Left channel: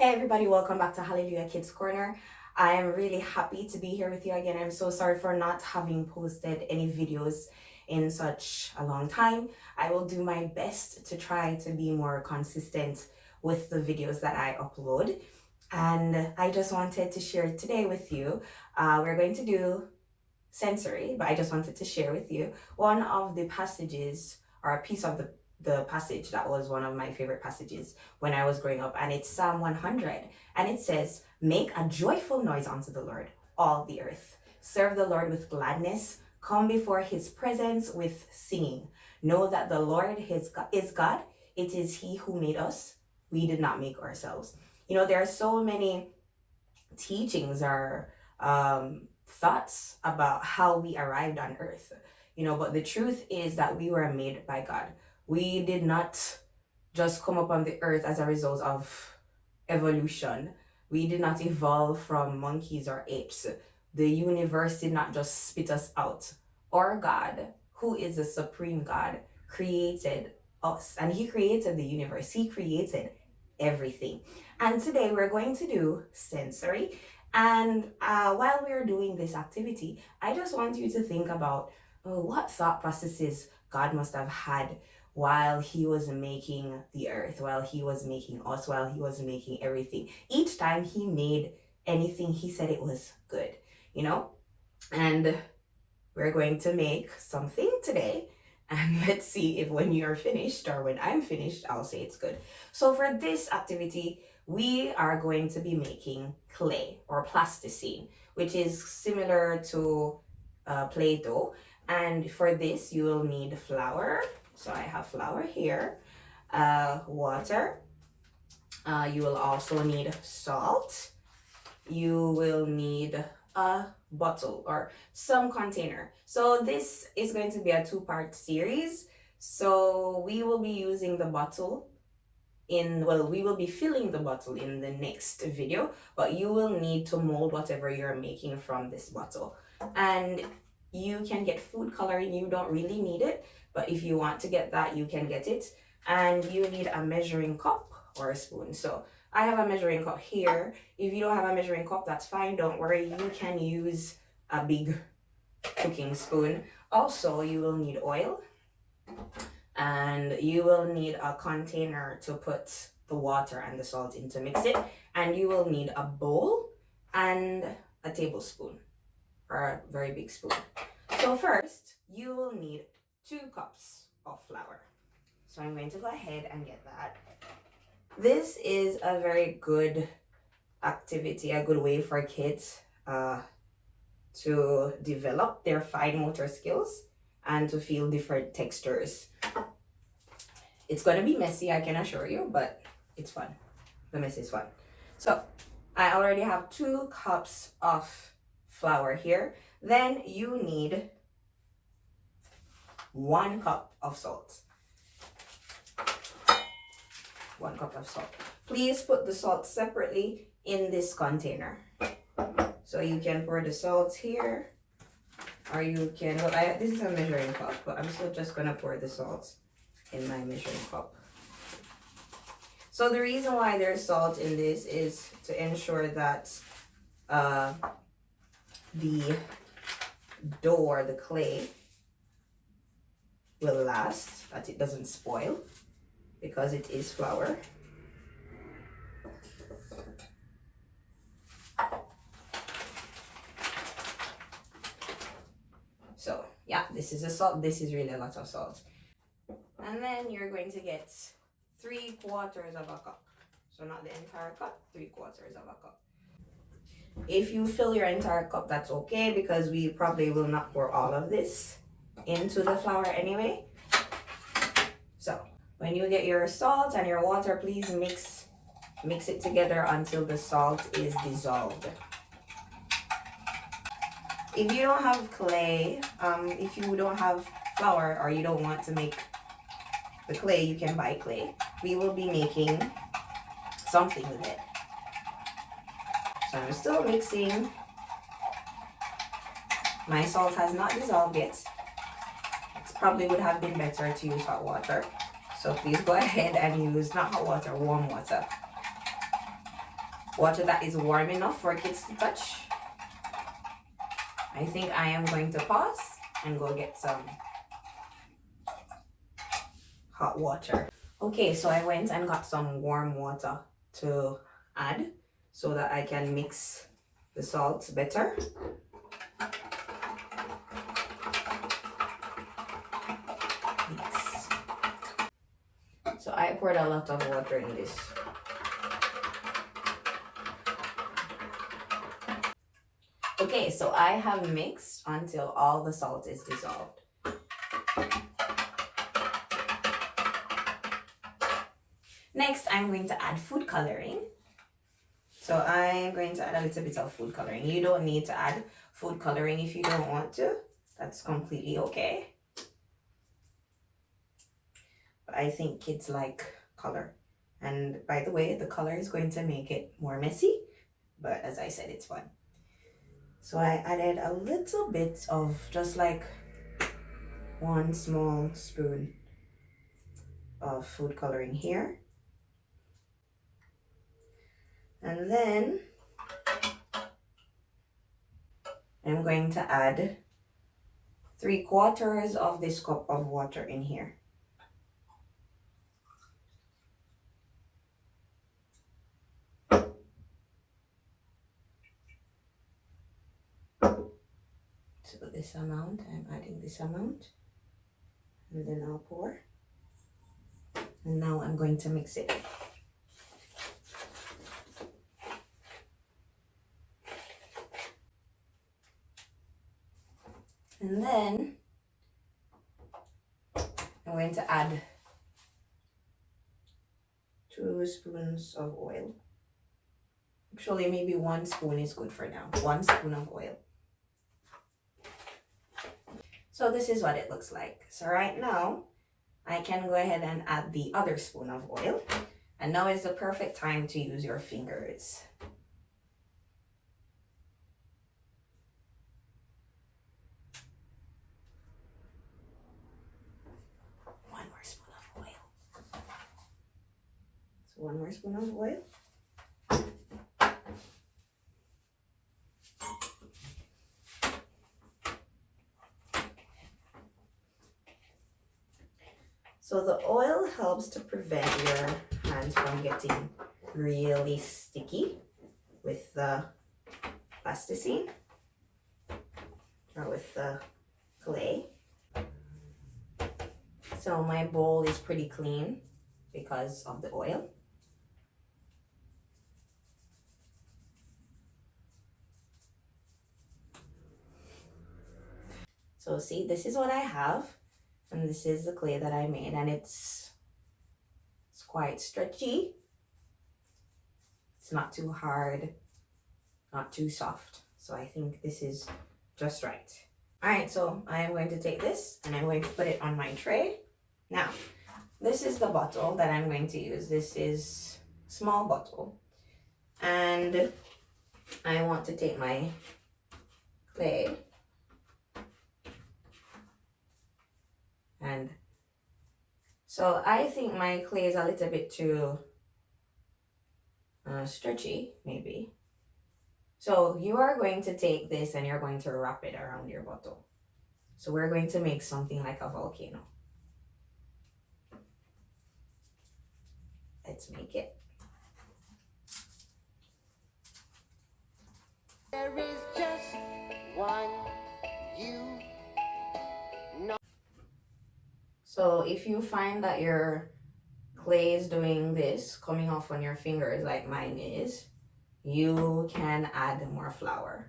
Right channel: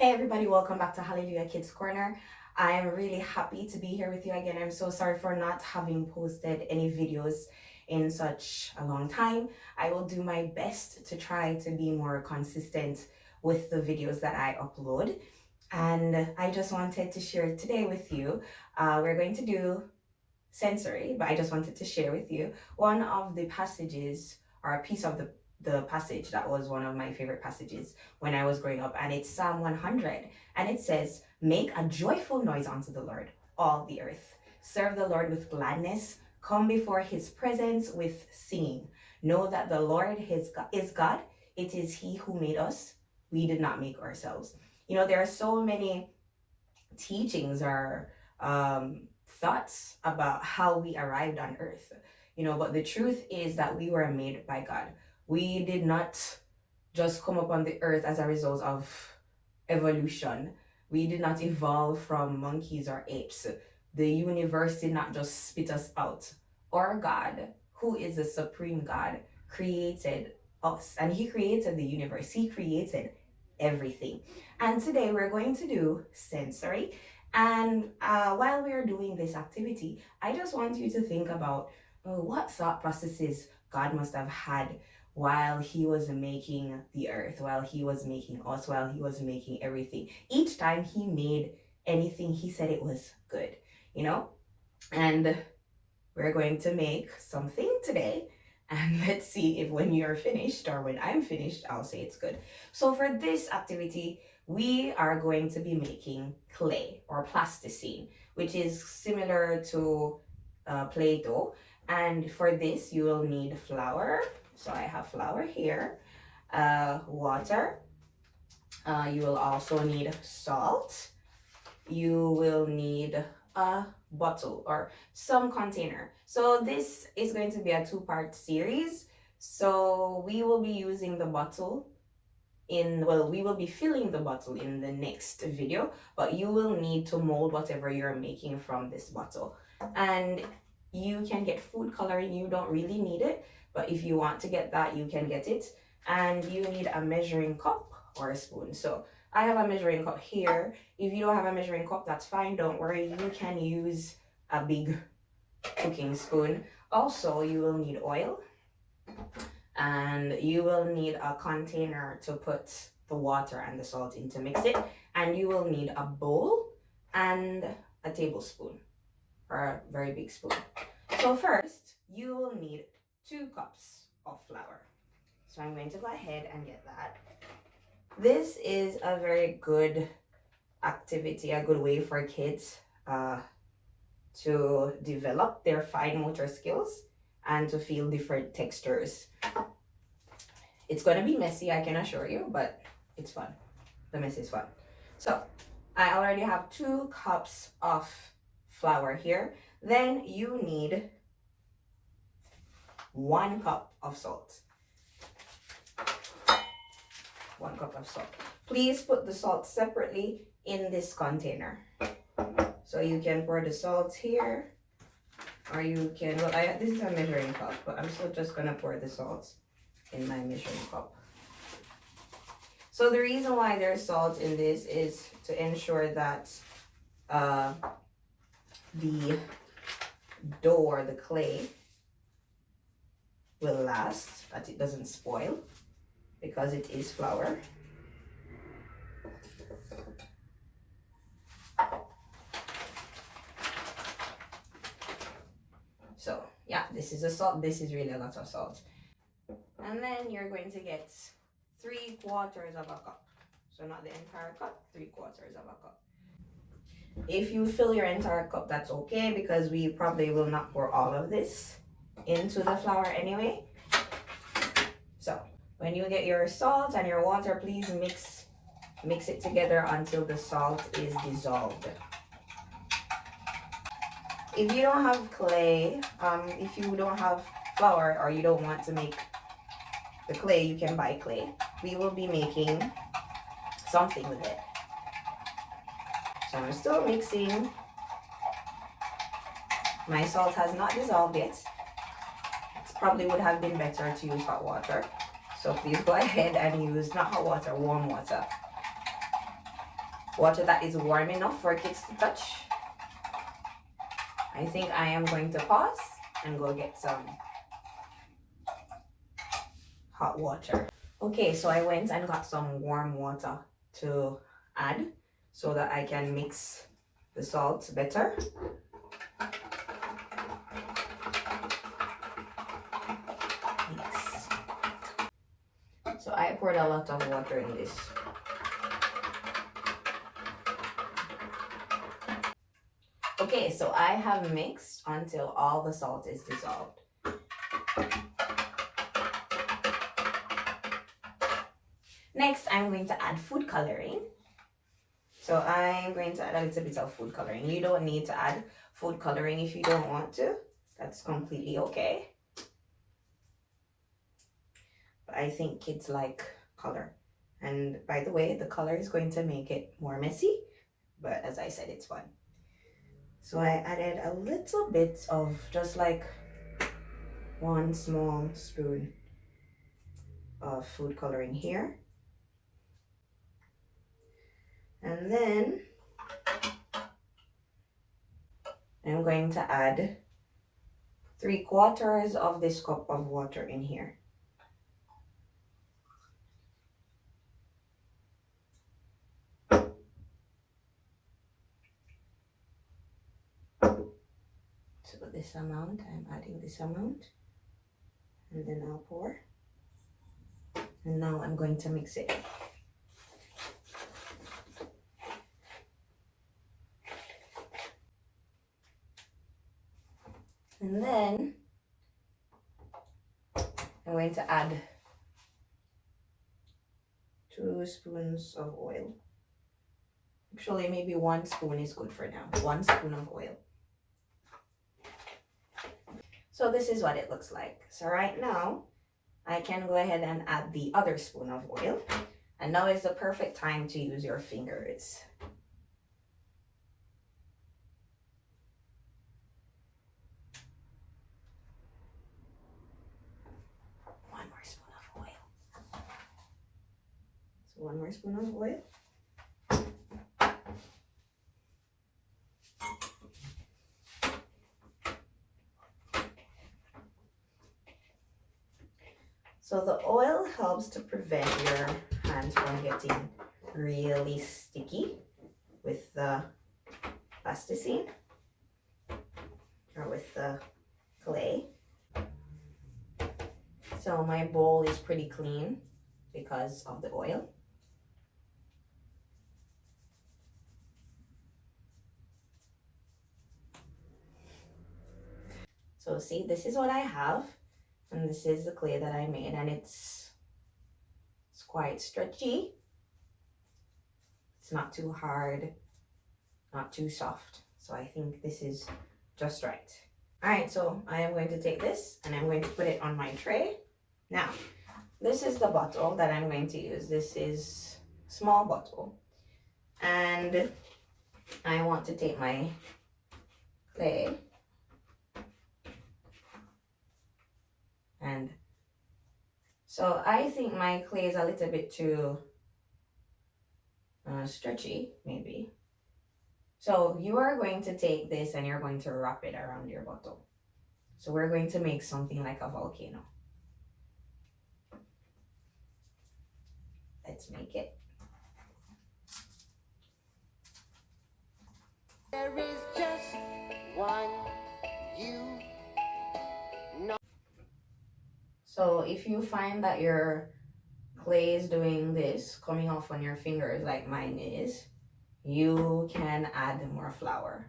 Hey everybody, welcome back to Hallelujah Kids Corner. I am really happy to be here with you again. I'm so sorry for not having posted any videos in such a long time. I will do my best to try to be more consistent with the videos that I upload. And I just wanted to share today with you. We're going to do sensory, but I just wanted to share with you one of the passages or a piece of the passage that was one of my favorite passages when I was growing up, and it's Psalm 100, and it says, "Make a joyful noise unto the Lord, all the earth. Serve the Lord with gladness. Come before his presence with singing. Know that the Lord is God. It is he who made us. We did not make ourselves." You know, there are so many teachings or thoughts about how we arrived on earth, but the truth is that we were made by God. We did not just come up on the earth as a result of evolution. We did not evolve from monkeys or apes. The universe did not just spit us out. Our God, who is the supreme God, created us, and he created the universe. He created everything. And today we're going to do sensory. And while we are doing this activity, I just want you to think about what thought processes God must have had while he was making the earth, while he was making us, while he was making everything. Each time he made anything, he said it was good, And we're going to make something today. And let's see if when you're finished or when I'm finished, I'll say it's good. So for this activity, we are going to be making clay or plasticine, which is similar to Play-Doh. And for this, you will need flour. So I have flour here, water. You will also need salt. You will need a bottle or some container. So this is going to be a two-part series. So we will be using the bottle we will be filling the bottle in the next video, but you will need to mold whatever you're making from this bottle. And you can get food coloring. You don't really need it, but if you want to get that, you can get it. And you need a measuring cup or a spoon. So I have a measuring cup here. If you don't have a measuring cup, that's fine. Don't worry. You can use a big cooking spoon. Also, you will need oil. And you will need a container to put the water and the salt in to mix it. And you will need a bowl and a tablespoon or a very big spoon. So first, you will need 2 cups of flour. So I'm going to go ahead and get that. This is a very good activity, a good way for kids to develop their fine motor skills and to feel different textures. It's going to be messy, I can assure you, but it's fun. The mess is fun. So I already have 2 cups of flour here. Then you need 1 cup of salt. 1 cup of salt. Please put the salt separately in this container. So you can pour the salt here, or you can, this is a measuring cup, but I'm still just gonna pour the salt in my measuring cup. So the reason why there's salt in this is to ensure that the dough or the clay will last, that it doesn't spoil, because it is flour. So yeah, this is the salt. This is really a lot of salt. And then you're going to get 3/4 of a cup. So not the entire cup, 3/4 of a cup. If you fill your entire cup, that's okay, because we probably will not pour all of this into the flour anyway. So when you get your salt and your water, please mix it together until the salt is dissolved. If you don't have clay, if you don't have flour or you don't want to make the clay, you can buy clay. We will be making something with it. So I'm still mixing. My salt has not dissolved yet. It probably would have been better to use hot water. So please go ahead and use not hot water, warm water. water that is warm enough for kids to touch. I think I am going to pause and go get some hot water. Okay, so I went and got some warm water to add so that I can mix the salt better. Yes. So I poured a lot of water in this. Okay, so I have mixed until all the salt is dissolved. Next, I'm going to add food coloring. So I'm going to add a little bit of food coloring. You don't need to add food coloring if you don't want to. That's completely okay. But I think kids like color. And by the way, the color is going to make it more messy. But as I said, it's fun. So I added a little bit of just like 1 small spoon of food coloring here. And then I'm going to add 3/4 of this cup of water in here. So this amount, I'm adding this amount, and then I'll pour. And now I'm going to mix it. And then I'm going to add 2 spoons of oil. Actually, maybe 1 spoon is good for now. 1 spoon of oil. So this is what it looks like. So right now, I can go ahead and add the other spoon of oil. And now is the perfect time to use your fingers. One more spoon of oil. So 1 more spoon of oil. So the oil helps to prevent your hands from getting really sticky with the plasticine or with the clay. So my bowl is pretty clean because of the oil. So see, this is what I have. And this is the clay that I made, and it's quite stretchy. It's not too hard, not too soft. So I think this is just right. All right, so I am going to take this and I'm going to put it on my tray. Now, this is the bottle that I'm going to use. This is a small bottle. And I want to take my clay and so I think my clay is a little bit too stretchy, maybe. So you are going to take this and you're going to wrap it around your bottle. So we're going to make something like a volcano. Let's make it. There is just one you know. So if you find that your clay is doing this, coming off on your fingers like mine is, you can add more flour.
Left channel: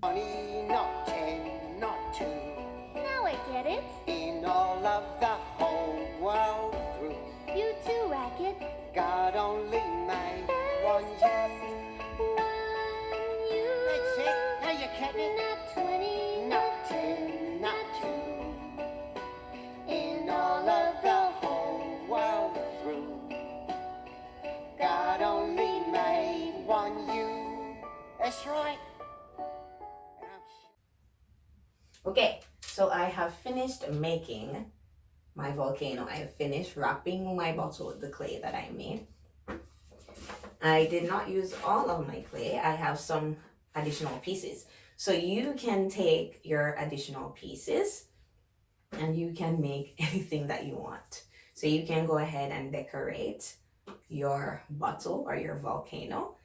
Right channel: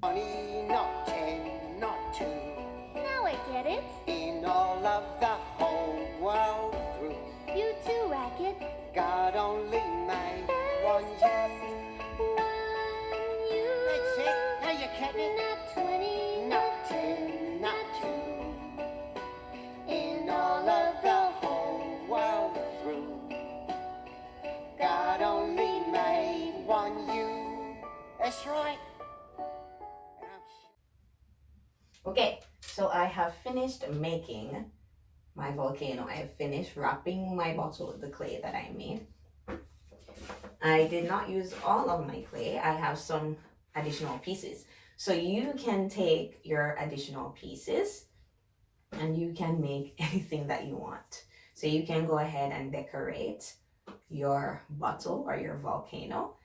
Money, not 10, not 2. Now I get it. In all of the whole world through. You too, Racket. God only made one There's just one you. That's it. Now you get it. Not 20, Not 10, not 2. In all of the whole world through. God only made one you. That's right. Okay, so I have finished making my volcano. I have finished wrapping my bottle with the clay that I made. I did not use all of my clay. I have some additional pieces. So you can take your additional pieces and you can make anything that you want. So you can go ahead and decorate your bottle or your volcano.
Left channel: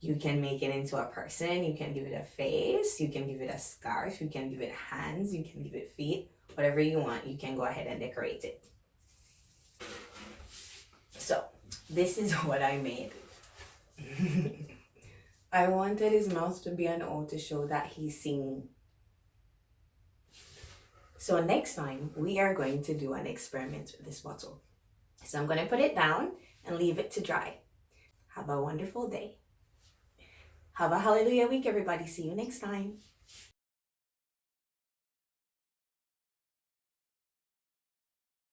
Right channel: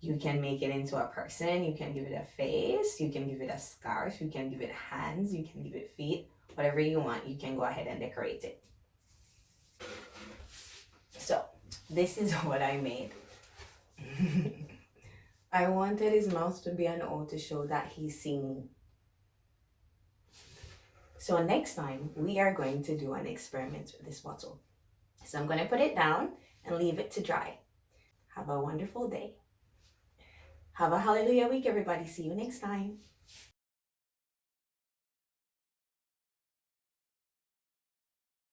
You can make it into a person. You can give it a face. You can give it a scarf. You can give it hands. You can give it feet. Whatever you want, you can go ahead and decorate it. So this is what I made. I wanted his mouth to be an O to show that he's singing. So next time we are going to do an experiment with this bottle. So I'm going to put it down and leave it to dry. Have a wonderful day. Have a hallelujah week, everybody. See you next time.